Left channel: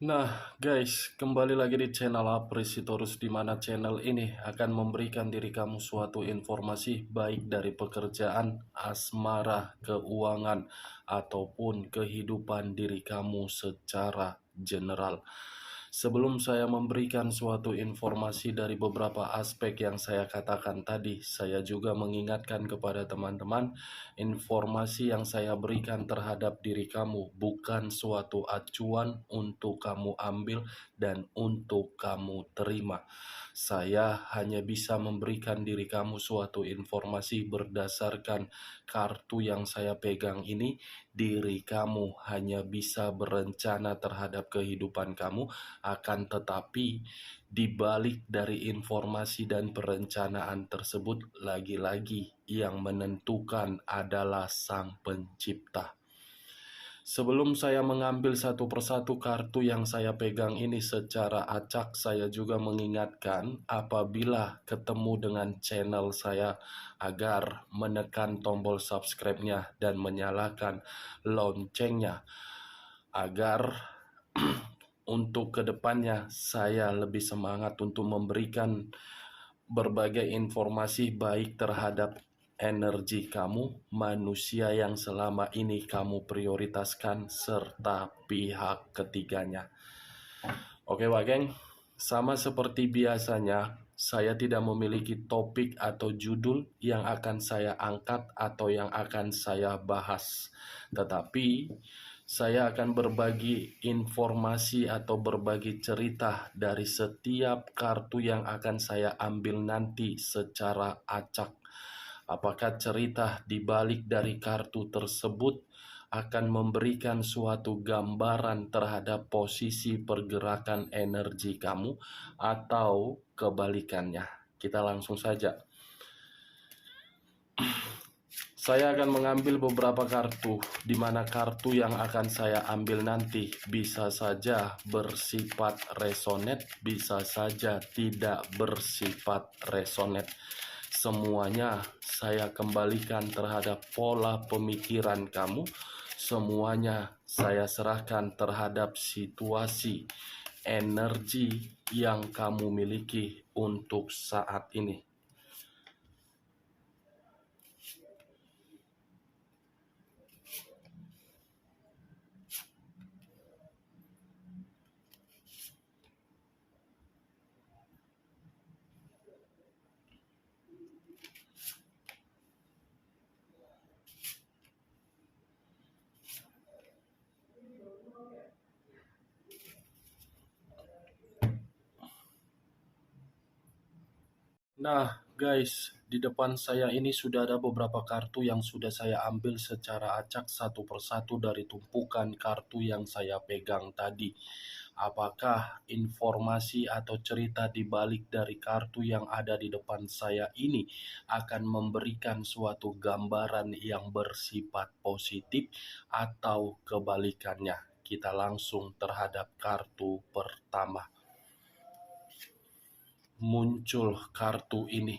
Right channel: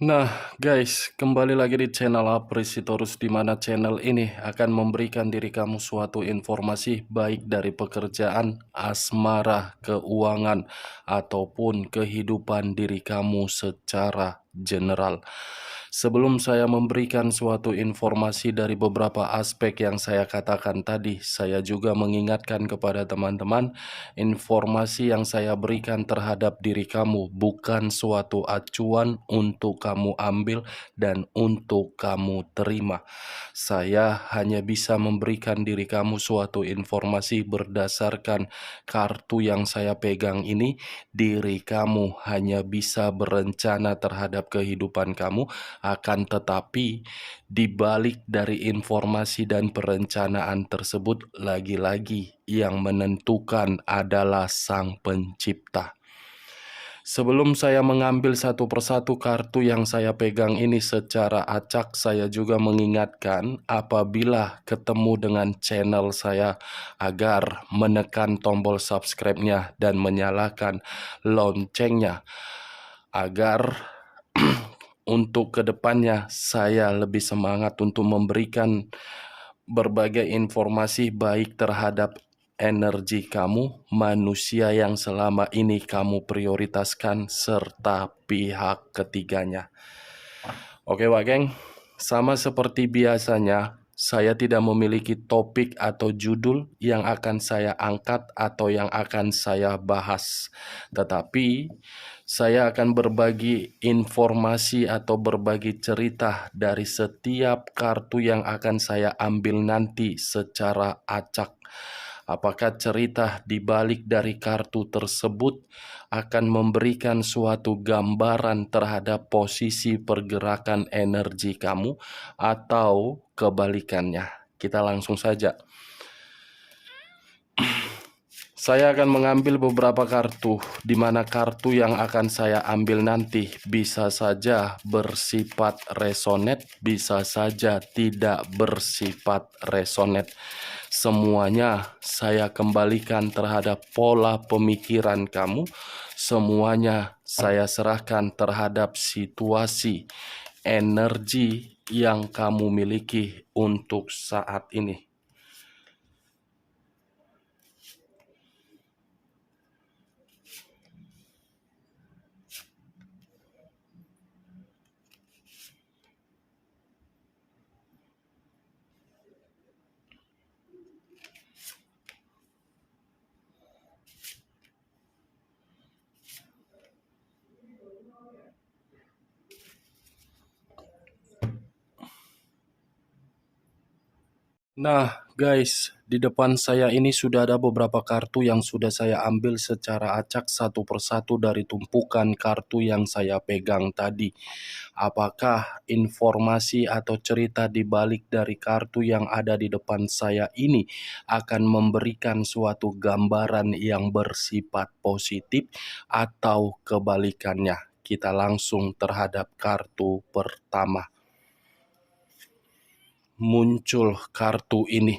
Nah, guys, kembali lagi di channel Apresitorus, di mana channel ini akan memberikan diri kamu suatu informasi baik dari pekerjaan, asmara, keuangan, ataupun kehidupan diri kamu secara general. Sebelum saya memberikan suatu informasi dari beberapa aspek yang saya katakan tadi, saya juga mengingatkan kepada teman-teman, informasi yang saya berikan terhadap diri kamu bukan suatu acuan untuk kamu ambil dan untuk kamu terima. Saya hanya bisa memberikan diri kamu suatu informasi berdasarkan kartu yang saya pegang ini. Diri kamu hanya bisa berencana terhadap kehidupan kamu, akan tetapi di balik dari informasi dan perencanaan tersebut, lagi-lagi yang menentukan adalah Sang Pencipta. Sebelum saya mengambil satu persatu kartu yang saya pegang ini secara acak, saya juga mengingatkan apabila ketemu dengan channel saya agar menekan tombol subscribe-nya dan menyalakan loncengnya agar untuk kedepannya saya lebih semangat untuk memberikan berbagai informasi baik terhadap energi kamu, manusia yang selama ini kamu prioritaskan, serta pihak ketiganya. Oke Wak Geng, sama seperti biasanya, saya tidak memiliki topik atau judul yang akan saya angkat atau yang akan saya bahas. Tetapi, saya akan berbagi informasi atau berbagi cerita dari setiap kartu yang akan saya ambil nanti secara acak. Apakah cerita di balik dari kartu tersebut akan memberikan suatu gambaran terhadap posisi pergerakan energi kamu atau kebalikannya? Kita langsung saja. Saya akan mengambil beberapa kartu, di mana kartu yang akan saya ambil nanti bisa saja bersifat resonet, bisa saja tidak bersifat resonet. Semuanya saya kembalikan terhadap pola pemikiran kamu, semuanya saya serahkan terhadap situasi, energi yang kamu miliki untuk saat ini. Nah, guys, di depan saya ini sudah ada beberapa kartu yang sudah saya ambil secara acak satu persatu dari tumpukan kartu yang saya pegang tadi. Apakah informasi atau cerita di balik dari kartu yang ada di depan saya ini akan memberikan suatu gambaran yang bersifat positif atau kebalikannya? Kita langsung terhadap kartu pertama. Muncul kartu ini.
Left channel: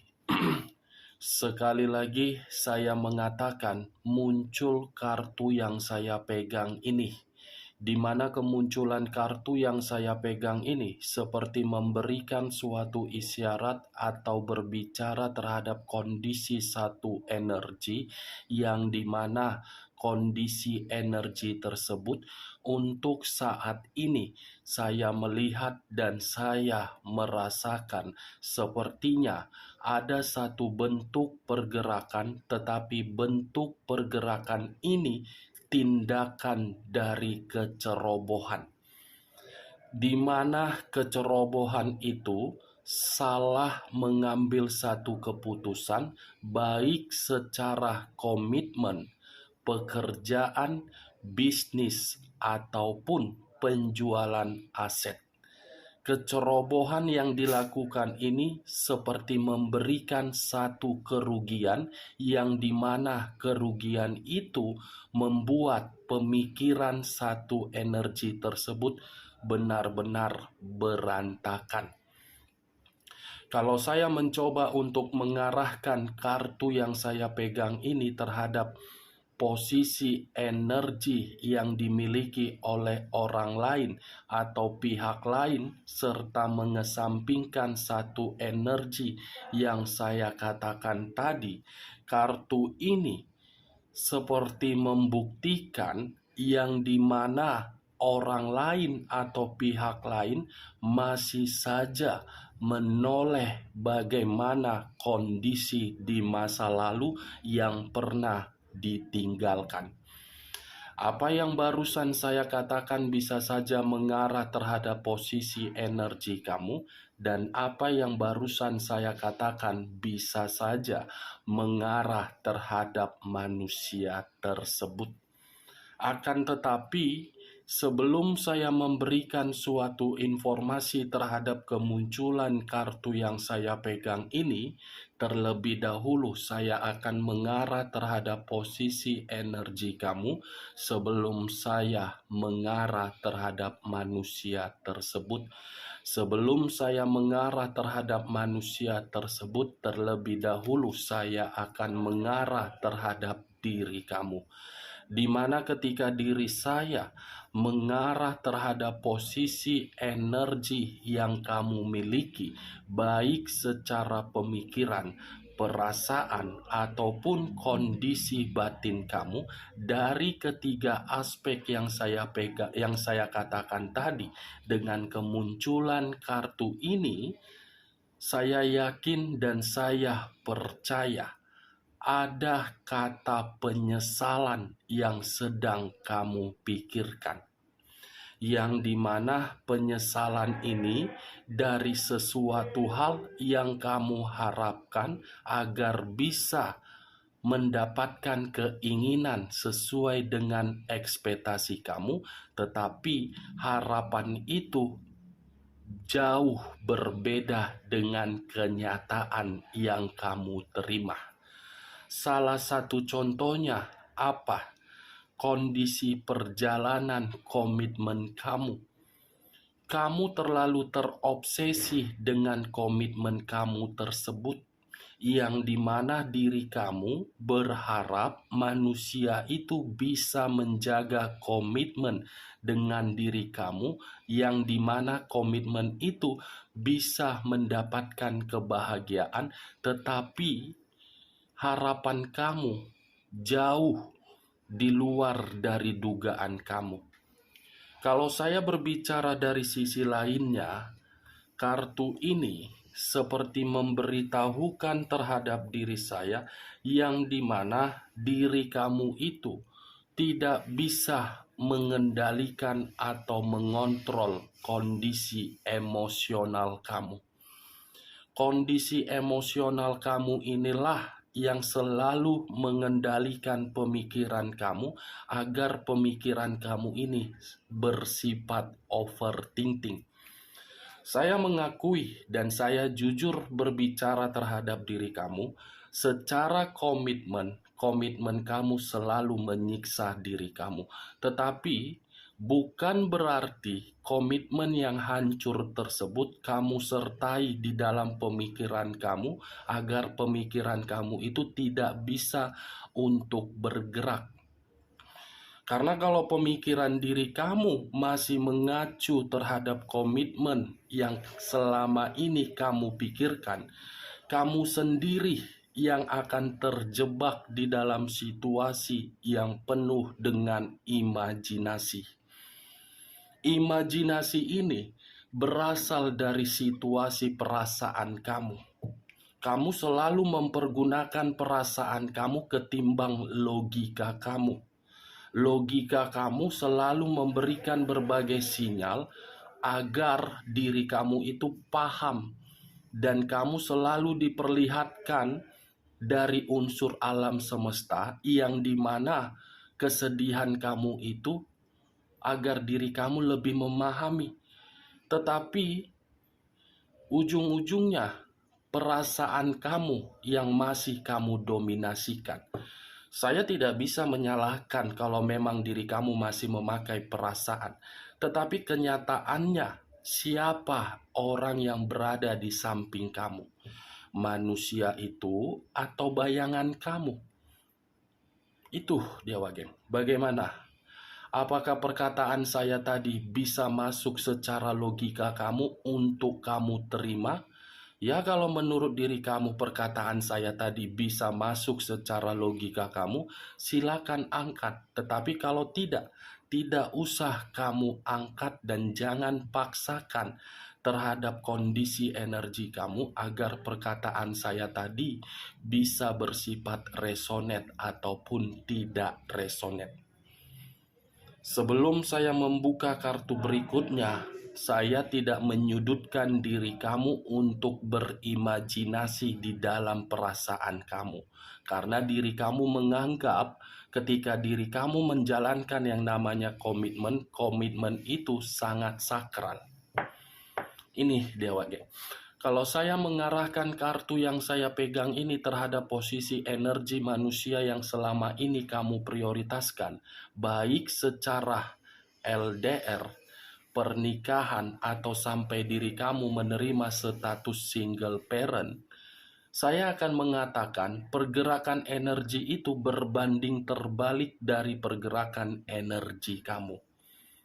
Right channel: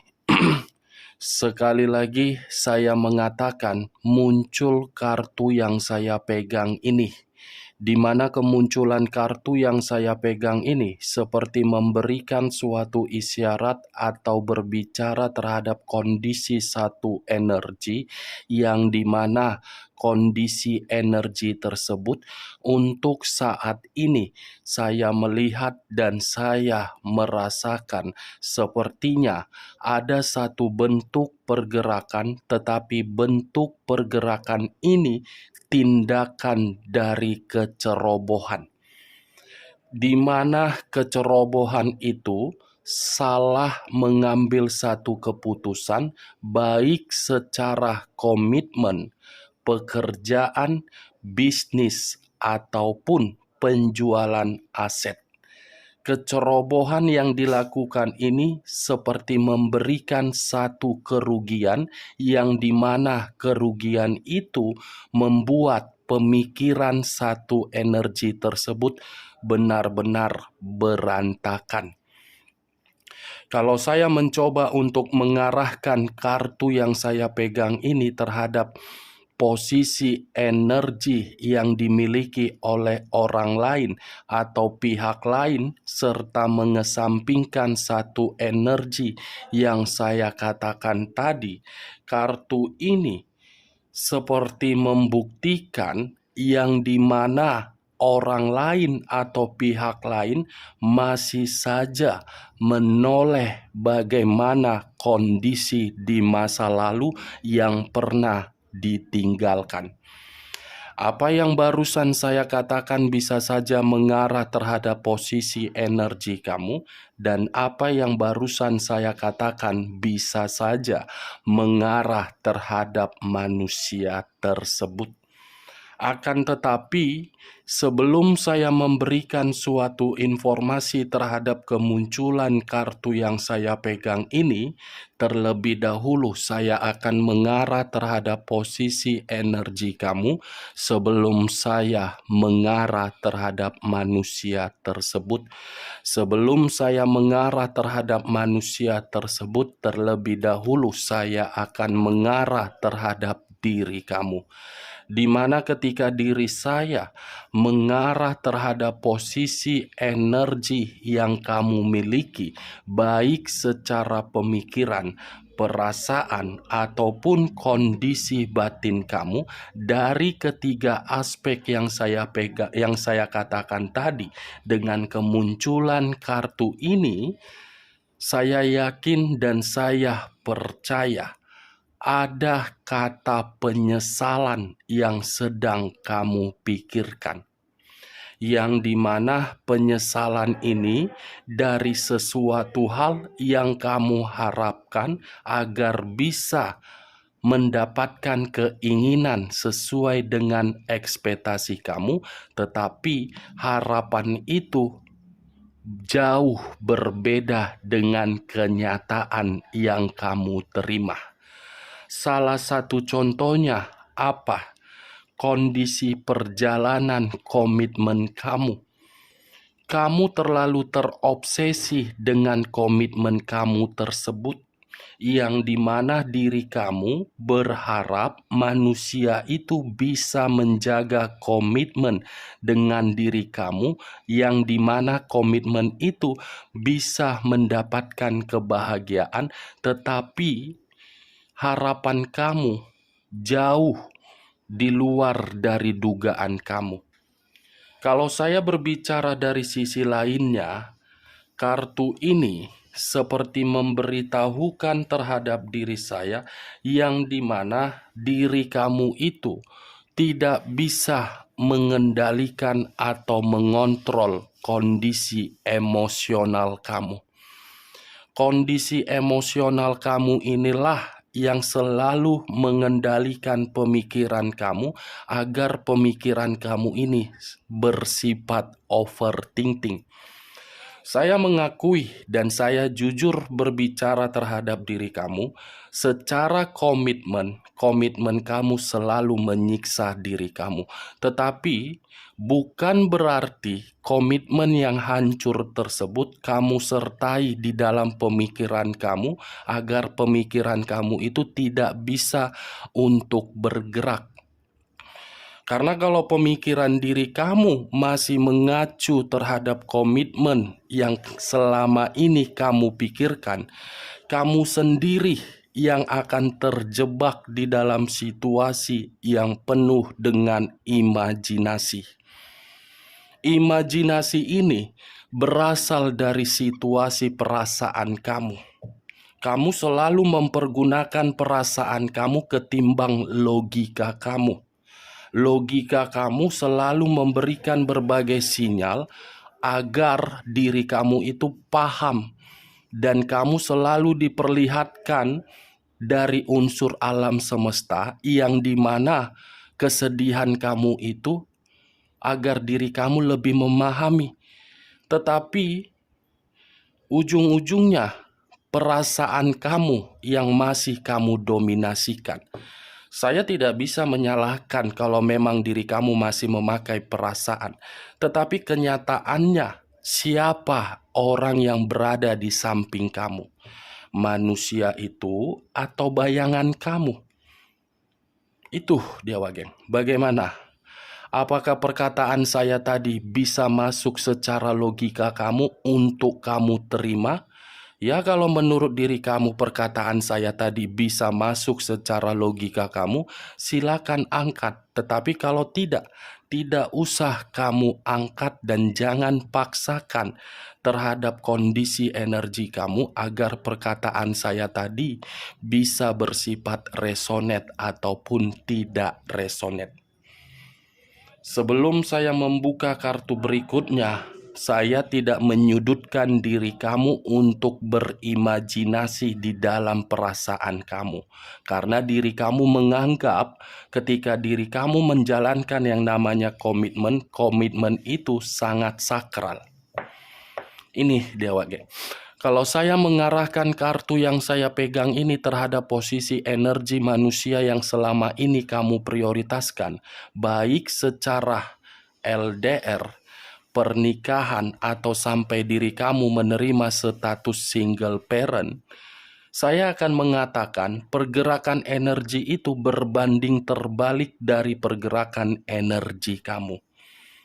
Sekali lagi saya mengatakan muncul kartu yang saya pegang ini, di mana kemunculan kartu yang saya pegang ini seperti memberikan suatu isyarat atau berbicara terhadap kondisi satu energi, yang dimana kondisi energi tersebut untuk saat ini saya melihat dan saya merasakan sepertinya ada satu bentuk pergerakan, tetapi bentuk pergerakan ini tindakan dari kecerobohan, di mana kecerobohan itu salah mengambil satu keputusan baik secara komitmen, pekerjaan, bisnis, ataupun penjualan aset. Kecerobohan yang dilakukan ini seperti memberikan satu kerugian, yang dimana kerugian itu membuat pemikiran satu energi tersebut benar-benar berantakan. Kalau saya mencoba untuk mengarahkan kartu yang saya pegang ini terhadap posisi energi yang dimiliki oleh orang lain atau pihak lain, serta mengesampingkan satu energi yang saya katakan tadi, kartu ini seperti membuktikan yang dimana orang lain atau pihak lain masih saja menoleh bagaimana kondisi di masa lalu yang pernah ditinggalkan. Apa yang barusan saya katakan bisa saja mengarah terhadap posisi energi kamu, dan apa yang barusan saya katakan bisa saja mengarah terhadap manusia tersebut. Akan tetapi, sebelum saya memberikan suatu informasi terhadap kemunculan kartu yang saya pegang ini, terlebih dahulu saya akan mengarah terhadap posisi energi kamu sebelum saya mengarah terhadap manusia tersebut. Sebelum saya mengarah terhadap manusia tersebut, terlebih dahulu saya akan mengarah terhadap diri kamu, di mana ketika diri saya mengarah terhadap posisi energi yang kamu miliki, baik secara pemikiran, perasaan, ataupun kondisi batin kamu, dari ketiga aspek yang saya katakan tadi, dengan kemunculan kartu ini, saya yakin dan saya percaya ada kata penyesalan yang sedang kamu pikirkan, yang dimana penyesalan ini dari sesuatu hal yang kamu harapkan agar bisa mendapatkan keinginan sesuai dengan ekspektasi kamu, tetapi harapan itu jauh berbeda dengan kenyataan yang kamu terima. Salah satu contohnya apa? Kondisi perjalanan komitmen kamu. Kamu terlalu terobsesi dengan komitmen kamu tersebut, yang dimana diri kamu berharap manusia itu bisa menjaga komitmen dengan diri kamu, yang dimana komitmen itu bisa mendapatkan kebahagiaan, tetapi harapan kamu jauh di luar dari dugaan kamu. Kalau saya berbicara dari sisi lainnya, kartu ini seperti memberitahukan terhadap diri saya yang dimana diri kamu itu tidak bisa mengendalikan atau mengontrol kondisi emosional kamu. Kondisi emosional kamu inilah yang selalu mengendalikan pemikiran kamu, agar pemikiran kamu ini bersifat overthinking. Saya mengakui dan saya jujur berbicara terhadap diri kamu, secara komitmen kamu selalu menyiksa diri kamu. Tetapi bukan berarti komitmen yang hancur tersebut kamu sertai di dalam pemikiran kamu, agar pemikiran kamu itu tidak bisa untuk bergerak. Karena kalau pemikiran diri kamu masih mengacu terhadap komitmen yang selama ini kamu pikirkan, kamu sendiri yang akan terjebak di dalam situasi yang penuh dengan imajinasi. Imajinasi ini berasal dari situasi perasaan kamu. Kamu selalu mempergunakan perasaan kamu ketimbang logika kamu. Logika kamu selalu memberikan berbagai sinyal agar diri kamu itu paham, dan kamu selalu diperlihatkan dari unsur alam semesta yang dimana kesedihan kamu itu agar diri kamu lebih memahami. Tetapi ujung-ujungnya perasaan kamu yang masih kamu dominasikan. Saya tidak bisa menyalahkan kalau memang diri kamu masih memakai perasaan. Tetapi kenyataannya, siapa orang yang berada di samping kamu? Manusia itu atau bayangan kamu? Itu dia Wageng. Bagaimana? Apakah perkataan saya tadi bisa masuk secara logika kamu untuk kamu terima? Ya, kalau menurut diri kamu perkataan saya tadi bisa masuk secara logika kamu, silakan angkat. Tetapi kalau tidak, tidak usah kamu angkat dan jangan paksakan terhadap kondisi energi kamu agar perkataan saya tadi bisa bersifat resonate ataupun tidak resonate. Sebelum saya membuka kartu berikutnya, saya tidak menyudutkan diri kamu untuk berimajinasi di dalam perasaan kamu. Karena diri kamu menganggap ketika diri kamu menjalankan yang namanya komitmen, komitmen itu sangat sakral. Ini dia Wage. Kalau saya mengarahkan kartu yang saya pegang ini terhadap posisi energi manusia yang selama ini kamu prioritaskan, baik secara LDR, pernikahan, atau sampai diri kamu menerima status single parent, saya akan mengatakan pergerakan energi itu berbanding terbalik dari pergerakan energi kamu.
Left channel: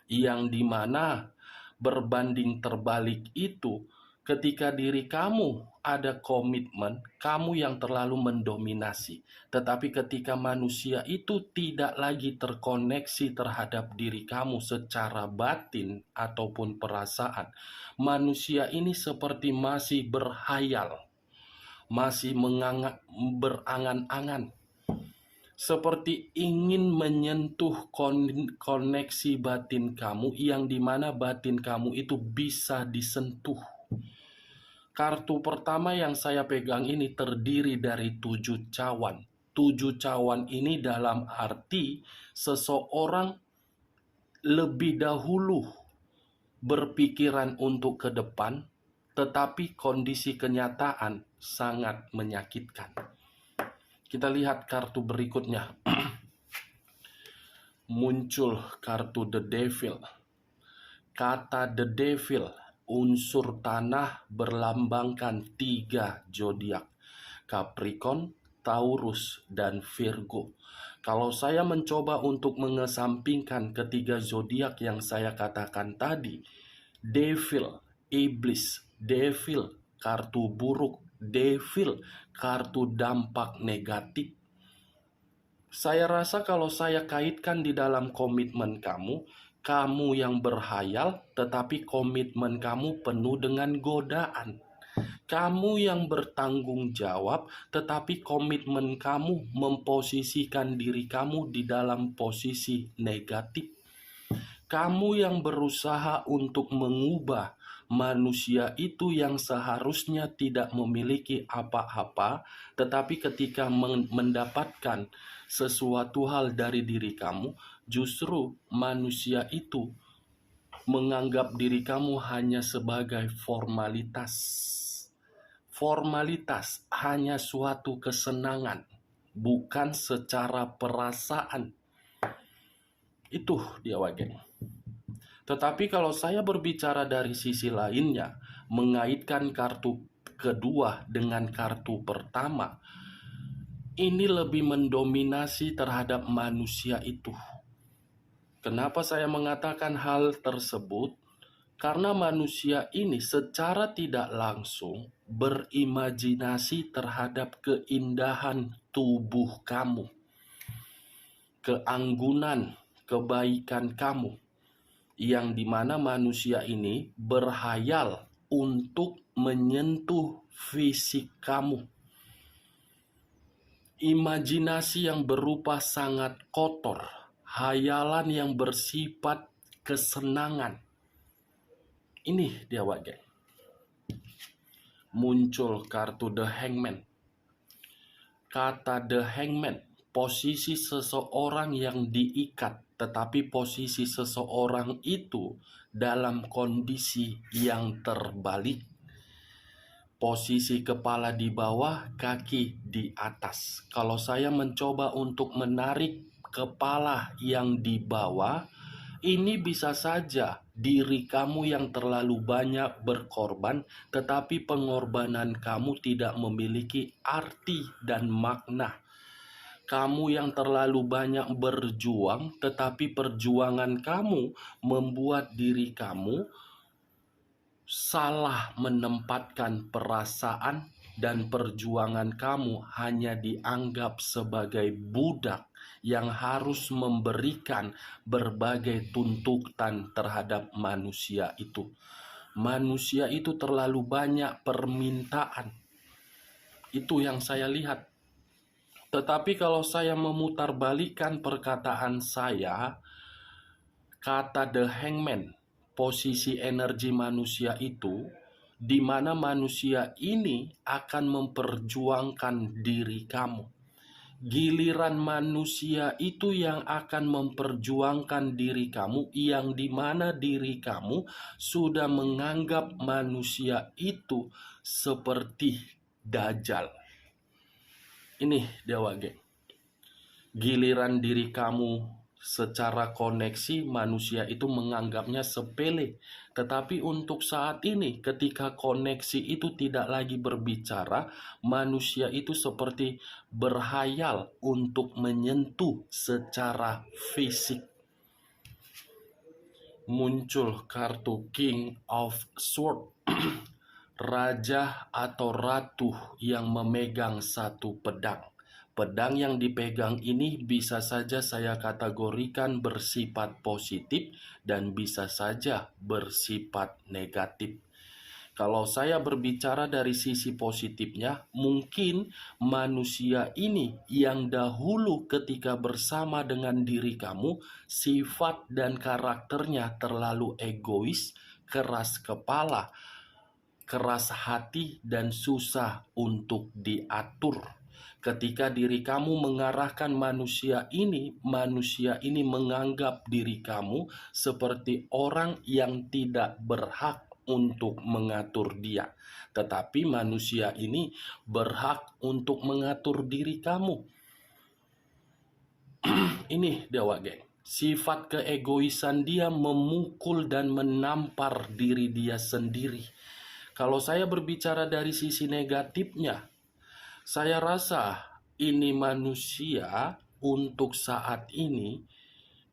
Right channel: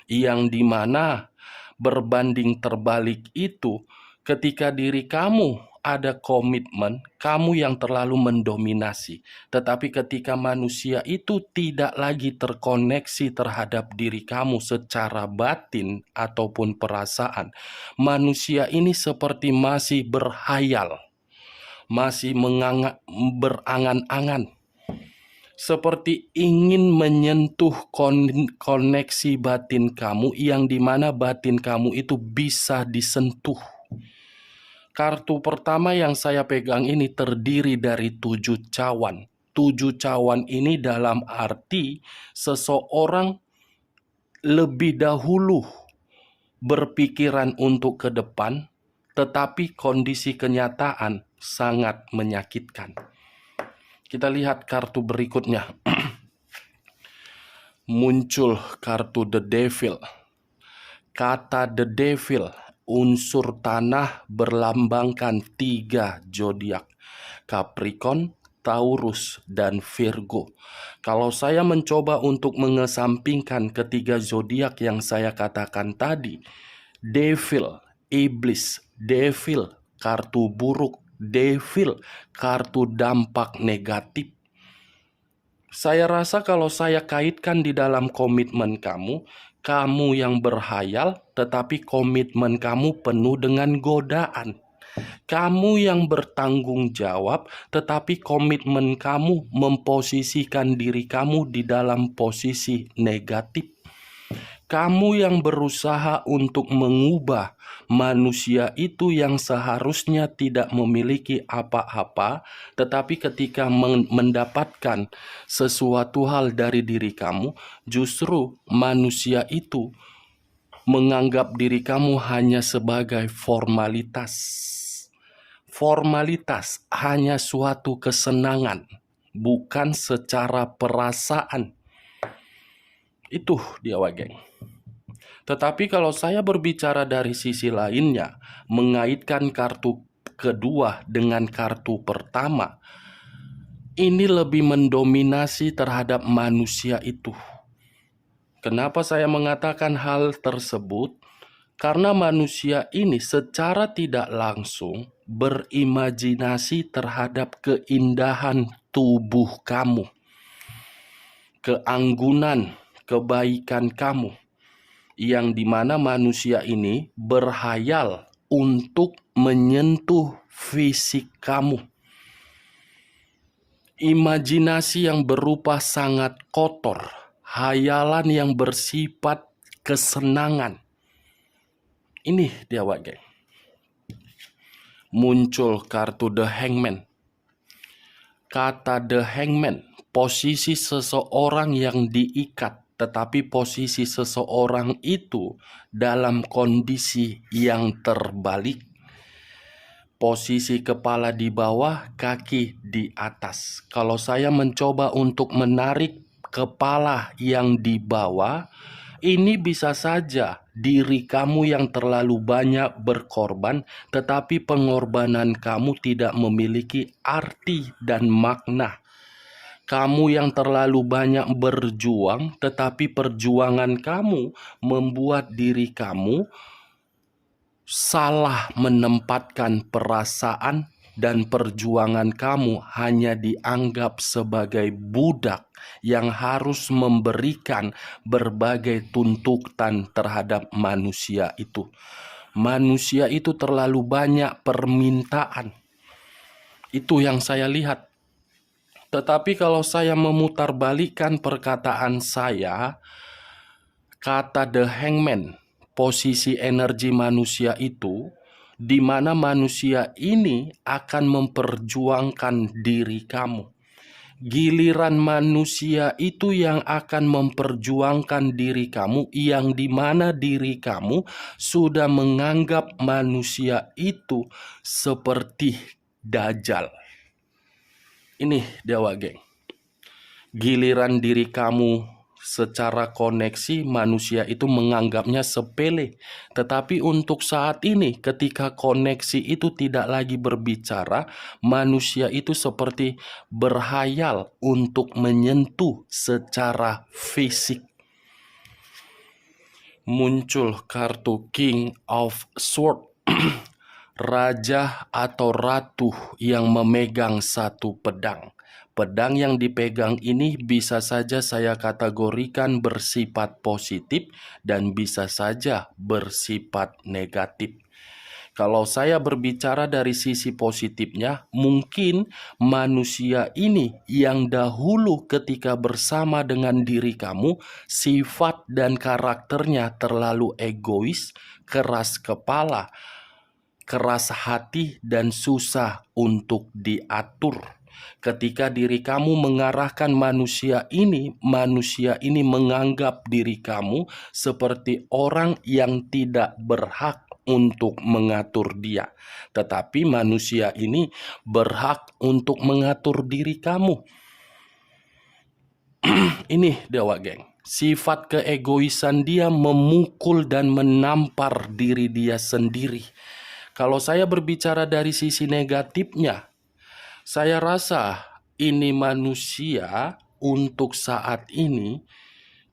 Yang dimana berbanding terbalik itu ketika diri kamu ada komitmen, kamu yang terlalu mendominasi. Tetapi ketika manusia itu tidak lagi terkoneksi terhadap diri kamu secara batin ataupun perasaan, manusia ini seperti masih berhayal, masih berangan-angan, seperti ingin menyentuh koneksi batin kamu yang dimana batin kamu itu bisa disentuh. Kartu pertama yang saya pegang ini terdiri dari 7 cawan. 7 cawan ini dalam arti seseorang lebih dahulu berpikiran untuk ke depan, tetapi kondisi kenyataan sangat menyakitkan. Kita lihat kartu berikutnya. Muncul kartu The Devil. Kata The Devil, unsur tanah berlambangkan 3 zodiak: Capricorn, Taurus, dan Virgo. Kalau saya mencoba untuk mengesampingkan ketiga zodiak yang saya katakan tadi, Devil, iblis, Devil, kartu buruk, Devil, kartu dampak negatif. Saya rasa kalau saya kaitkan di dalam komitmen kamu, kamu yang berhayal tetapi komitmen kamu penuh dengan godaan. Kamu yang bertanggung jawab tetapi komitmen kamu memposisikan diri kamu di dalam posisi negatif. Kamu yang berusaha untuk mengubah manusia itu yang seharusnya tidak memiliki apa-apa, tetapi ketika mendapatkan sesuatu hal dari diri kamu, justru manusia itu menganggap diri kamu hanya sebagai formalitas. Formalitas hanya suatu kesenangan, bukan secara perasaan. Itu dia Wageng. Tetapi kalau saya berbicara dari sisi lainnya, mengaitkan kartu kedua dengan kartu pertama, ini lebih mendominasi terhadap manusia itu. Kenapa saya mengatakan hal tersebut? Karena manusia ini secara tidak langsung berimajinasi terhadap keindahan tubuh kamu, keanggunan, kebaikan kamu, yang dimana manusia ini berhayal untuk menyentuh fisik kamu. Imajinasi yang berupa sangat kotor, hayalan yang bersifat kesenangan. Ini dia Wage. Muncul kartu The Hangman. Kata The Hangman, posisi seseorang yang diikat, tetapi posisi seseorang itu dalam kondisi yang terbalik. Posisi kepala di bawah, kaki di atas. Kalau saya mencoba untuk menarik kepala yang di bawah, ini bisa saja diri kamu yang terlalu banyak berkorban, tetapi pengorbanan kamu tidak memiliki arti dan makna. Kamu yang terlalu banyak berjuang, tetapi perjuangan kamu membuat diri kamu salah menempatkan perasaan, dan perjuangan kamu hanya dianggap sebagai budak yang harus memberikan berbagai tuntutan terhadap manusia itu. Manusia itu terlalu banyak permintaan. Itu yang saya lihat. Tetapi kalau saya memutarbalikkan perkataan saya, kata The Hangman, posisi energi manusia itu, di mana manusia ini akan memperjuangkan diri kamu. Giliran manusia itu yang akan memperjuangkan diri kamu, yang di mana diri kamu sudah menganggap manusia itu seperti dajjal. Ini Dewa Geng. Giliran diri kamu secara koneksi, manusia itu menganggapnya sepele. Tetapi untuk saat ini, ketika koneksi itu tidak lagi berbicara, manusia itu seperti berhayal untuk menyentuh secara fisik. Muncul kartu King of Swords, raja atau ratu yang memegang satu pedang. Pedang yang dipegang ini bisa saja saya kategorikan bersifat positif dan bisa saja bersifat negatif. Kalau saya berbicara dari sisi positifnya, mungkin manusia ini yang dahulu ketika bersama dengan diri kamu, sifat dan karakternya terlalu egois, keras kepala, keras hati, dan susah untuk diatur. Ketika diri kamu mengarahkan manusia ini menganggap diri kamu seperti orang yang tidak berhak untuk mengatur dia. Tetapi manusia ini berhak untuk mengatur diri kamu. Ini Dewa Geng. Sifat keegoisan dia memukul dan menampar diri dia sendiri. Kalau saya berbicara dari sisi negatifnya, saya rasa ini manusia untuk saat ini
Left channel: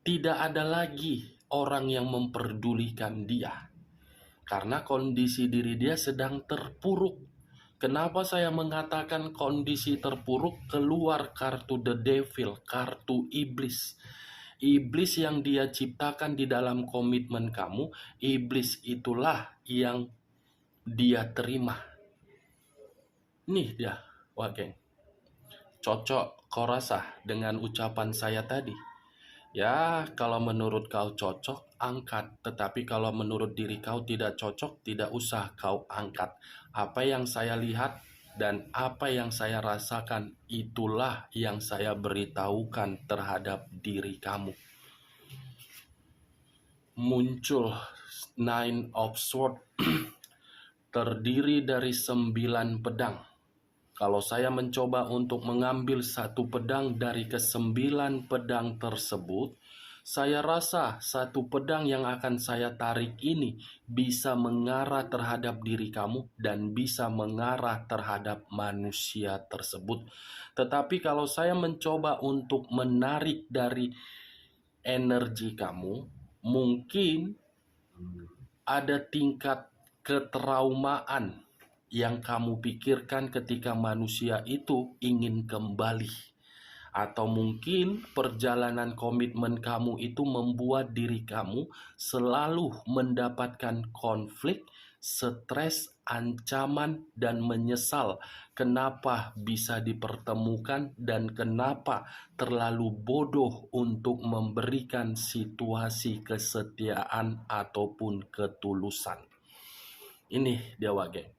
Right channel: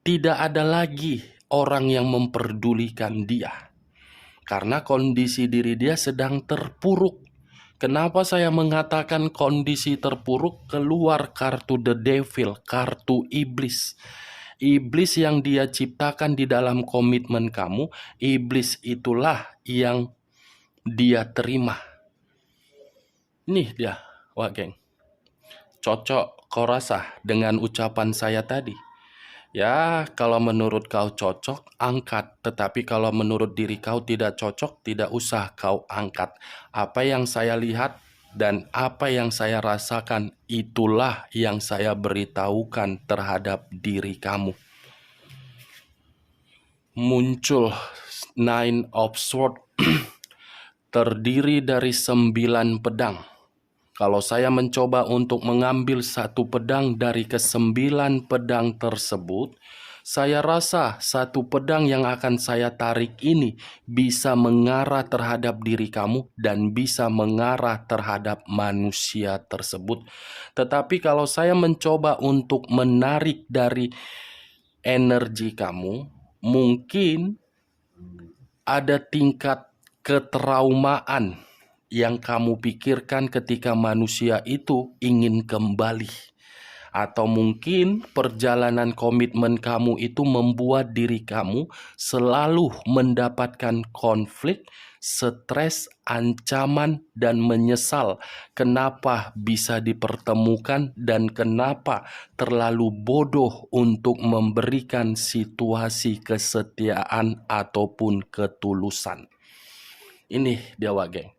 tidak ada lagi orang yang memperdulikan dia. Karena kondisi diri dia sedang terpuruk. Kenapa saya mengatakan kondisi terpuruk? Keluar kartu The Devil, kartu iblis. Iblis yang dia ciptakan di dalam komitmen kamu, iblis itulah yang dia terima. Nih dia, Wak Geng. Cocok kau rasa dengan ucapan saya tadi? Ya, kalau menurut kau cocok, angkat. Tetapi kalau menurut diri kau tidak cocok, tidak usah kau angkat. Apa yang saya lihat dan apa yang saya rasakan, itulah yang saya beritahukan terhadap diri kamu. Muncul Nine of Swords, terdiri dari 9 pedang. Kalau saya mencoba untuk mengambil satu pedang dari ke-9 pedang tersebut, saya rasa satu pedang yang akan saya tarik ini bisa mengarah terhadap diri kamu dan bisa mengarah terhadap manusia tersebut. Tetapi kalau saya mencoba untuk menarik dari energi kamu, mungkin ada tingkat ketraumaan yang kamu pikirkan ketika manusia itu ingin kembali. Atau mungkin perjalanan komitmen kamu itu membuat diri kamu selalu mendapatkan konflik, stres, ancaman, dan menyesal kenapa bisa dipertemukan dan kenapa terlalu bodoh untuk memberikan situasi kesetiaan ataupun ketulusan. Ini Dewa Geng.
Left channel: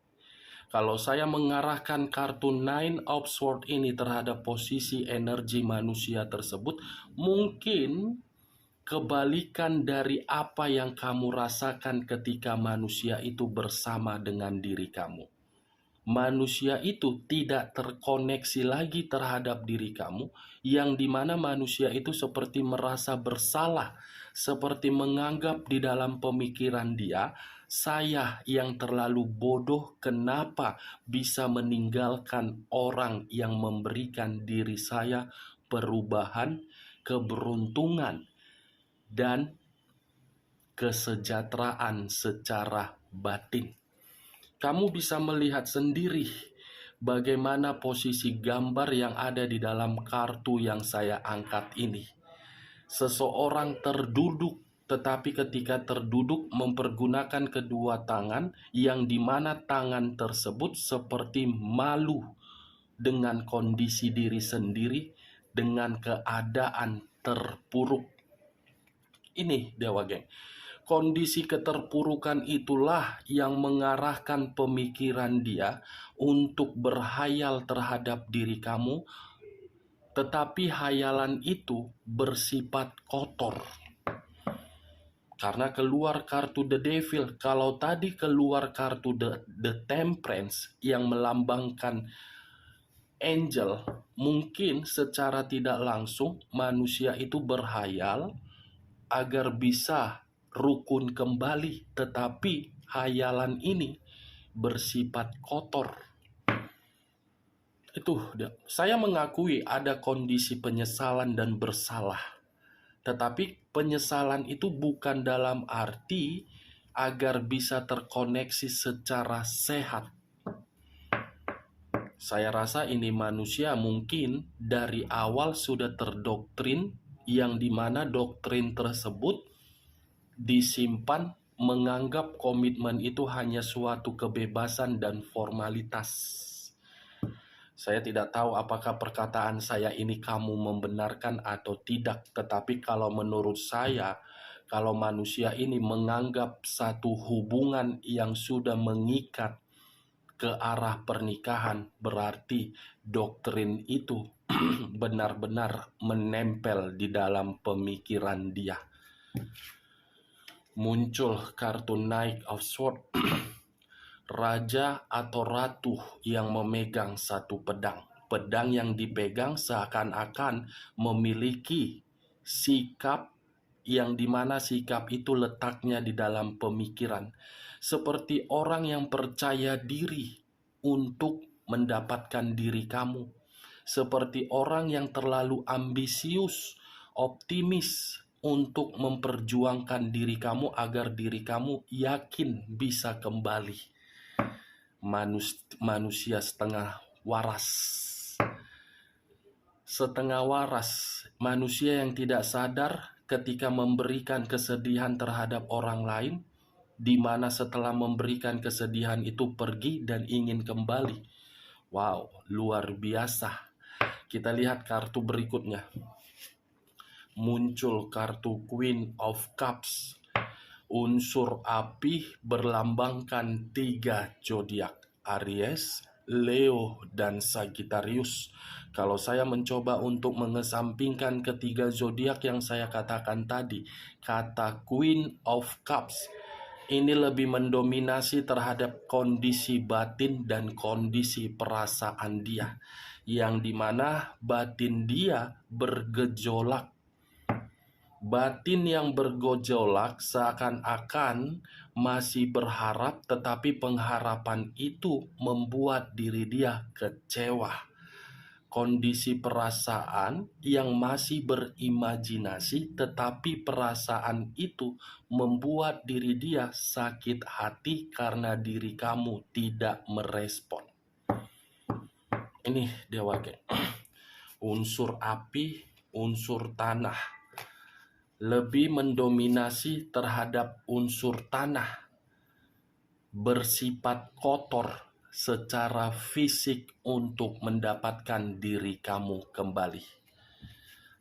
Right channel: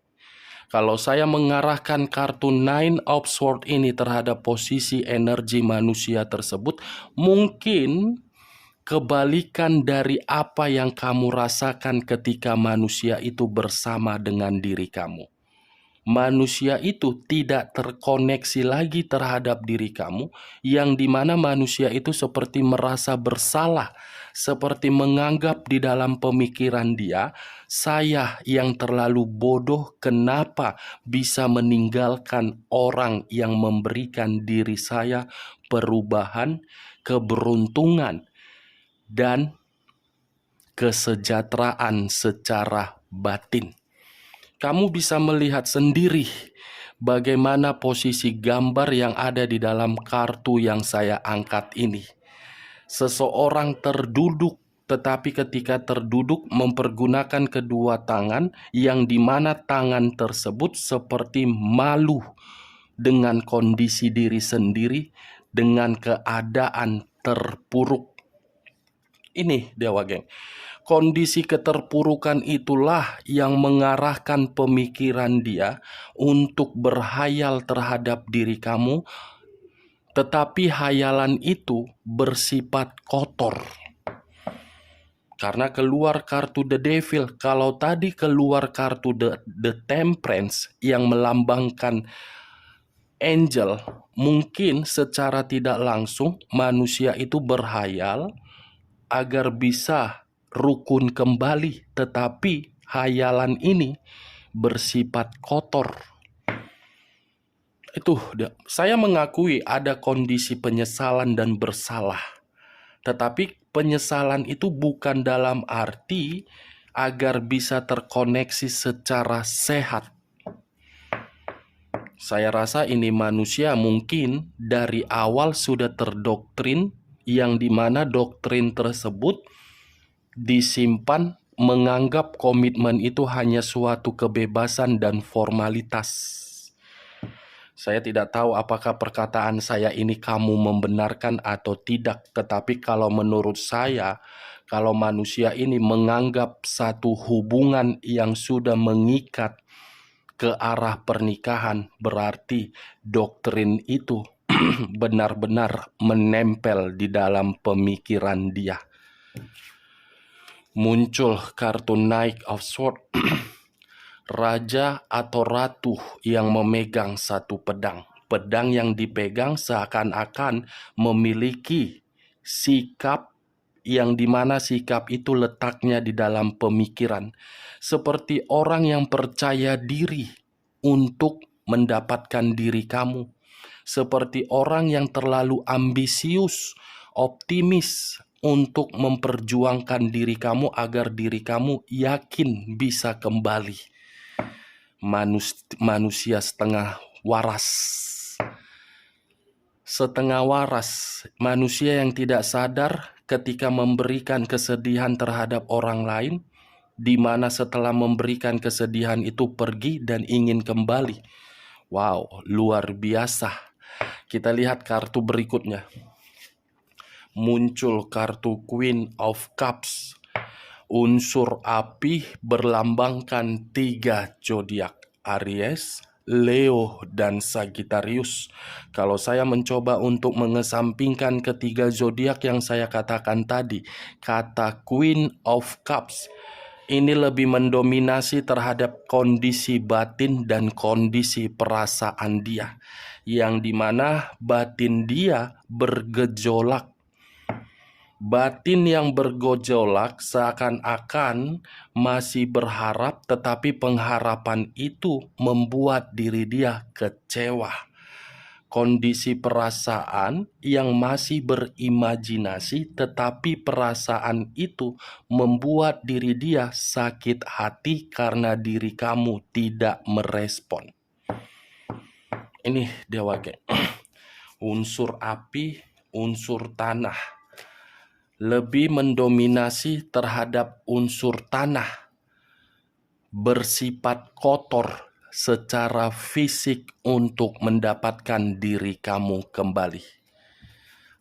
Kalau saya mengarahkan kartu Nine of Swords ini terhadap posisi energi manusia tersebut, mungkin kebalikan dari apa yang kamu rasakan ketika manusia itu bersama dengan diri kamu. manusia itu tidak terkoneksi lagi terhadap diri kamu, yang dimana manusia itu seperti merasa bersalah, seperti menganggap di dalam pemikiran dia, saya yang terlalu bodoh, kenapa bisa meninggalkan orang yang memberikan diri saya perubahan, keberuntungan, dan kesejahteraan secara batin. Kamu bisa melihat sendiri bagaimana posisi gambar yang ada di dalam kartu yang saya angkat ini. Seseorang terduduk, tetapi ketika terduduk mempergunakan kedua tangan, yang dimana tangan tersebut seperti malu dengan kondisi diri sendiri, dengan keadaan terpuruk. Ini Dewa Geng. Kondisi keterpurukan itulah yang mengarahkan pemikiran dia untuk berhayal terhadap diri kamu, tetapi hayalan itu bersifat kotor. Karena keluar kartu The Devil, kalau tadi keluar kartu The Temperance yang melambangkan angel, mungkin secara tidak langsung manusia itu berhayal agar bisa rukun kembali, tetapi hayalan ini bersifat kotor. Itu saya mengakui ada kondisi penyesalan dan bersalah, tetapi penyesalan itu bukan dalam arti agar bisa terkoneksi secara sehat. Saya rasa ini manusia mungkin dari awal sudah terdoktrin, yang dimana doktrin tersebut disimpan menganggap komitmen itu hanya suatu kebebasan dan formalitas. Saya tidak tahu apakah perkataan saya ini kamu membenarkan atau tidak, tetapi kalau menurut saya, kalau manusia ini menganggap satu hubungan yang sudah mengikat ke arah pernikahan, berarti doktrin itu benar-benar menempel di dalam pemikiran dia. Muncul kartu Knight of Swords, raja atau ratu yang memegang satu pedang. Pedang yang dipegang seakan-akan memiliki sikap, yang dimana sikap itu letaknya di dalam pemikiran. Seperti orang yang percaya diri untuk mendapatkan diri kamu. Seperti orang yang terlalu ambisius, optimis untuk memperjuangkan diri kamu agar diri kamu yakin bisa kembali. Manusia setengah waras. Setengah waras, manusia yang tidak sadar ketika memberikan kesedihan terhadap orang lain, di mana setelah memberikan kesedihan itu pergi dan ingin kembali. Wow, luar biasa. Kita lihat kartu berikutnya. Muncul kartu Queen of Cups. Unsur api berlambangkan 3 zodiak, Aries, Leo, dan Sagittarius. Kalau saya mencoba untuk mengesampingkan ketiga zodiak yang saya katakan tadi, kata Queen of Cups ini lebih mendominasi terhadap kondisi batin dan kondisi perasaan dia, yang dimana batin dia bergejolak. Batin yang bergejolak seakan-akan masih berharap, tetapi pengharapan itu membuat diri dia kecewa. Kondisi perasaan yang masih berimajinasi, tetapi perasaan itu membuat diri dia sakit hati karena diri kamu tidak merespon. Ini Dewa Geng. Unsur api, unsur tanah lebih mendominasi terhadap unsur tanah, bersifat kotor secara fisik untuk mendapatkan diri kamu kembali.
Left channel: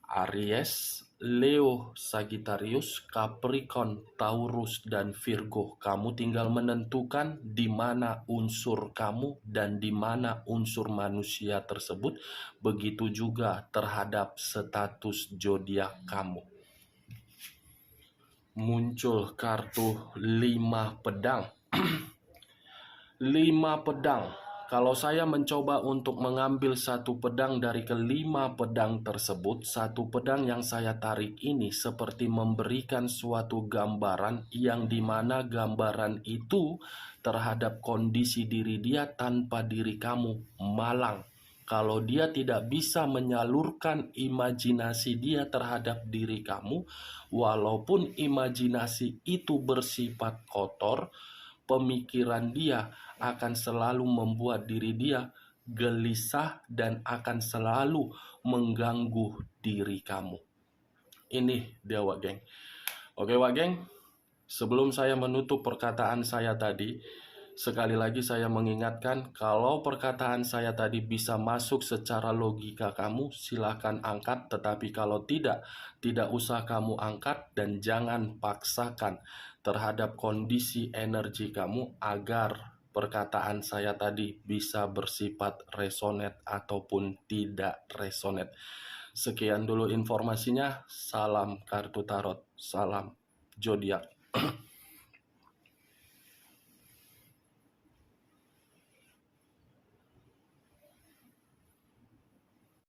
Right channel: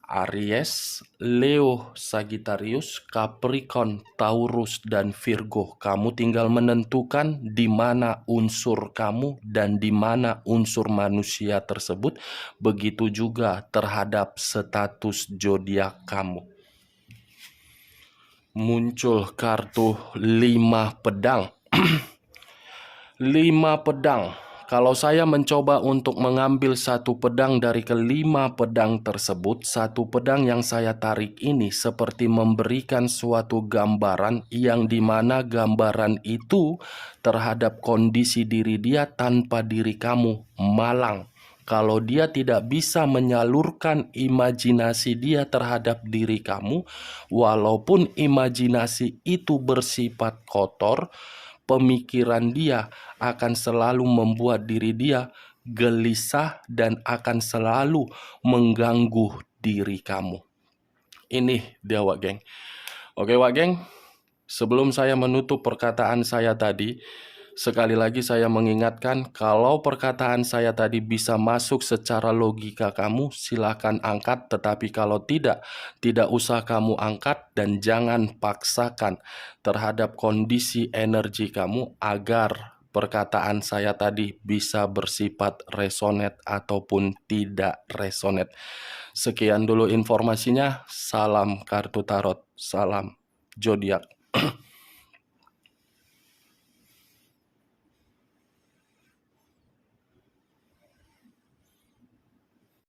Aries, Leo, Sagittarius, Capricorn, Taurus, dan Virgo. Kamu tinggal menentukan di mana unsur kamu dan di mana unsur manusia tersebut. Begitu juga terhadap status zodiak kamu. Muncul kartu 5 pedang. 5 pedang Kalau saya mencoba untuk mengambil satu pedang dari kelima pedang tersebut, satu pedang yang saya tarik ini seperti memberikan suatu gambaran yang dimana gambaran itu terhadap kondisi diri dia tanpa diri kamu malang. Kalau dia tidak bisa menyalurkan imajinasi dia terhadap diri kamu, walaupun imajinasi itu bersifat kotor, pemikiran dia akan selalu membuat diri dia gelisah dan akan selalu mengganggu diri kamu. Ini dia, Wak Geng. Oke, Wak Geng, sebelum saya menutup perkataan saya tadi, sekali lagi saya mengingatkan, kalau perkataan saya tadi bisa masuk secara logika kamu, silakan angkat. Tetapi kalau tidak usah kamu angkat dan jangan paksakan terhadap kondisi energi kamu agar perkataan saya tadi bisa bersifat resonate ataupun tidak resonate. Sekian dulu informasinya. Salam kartu tarot, salam zodiak.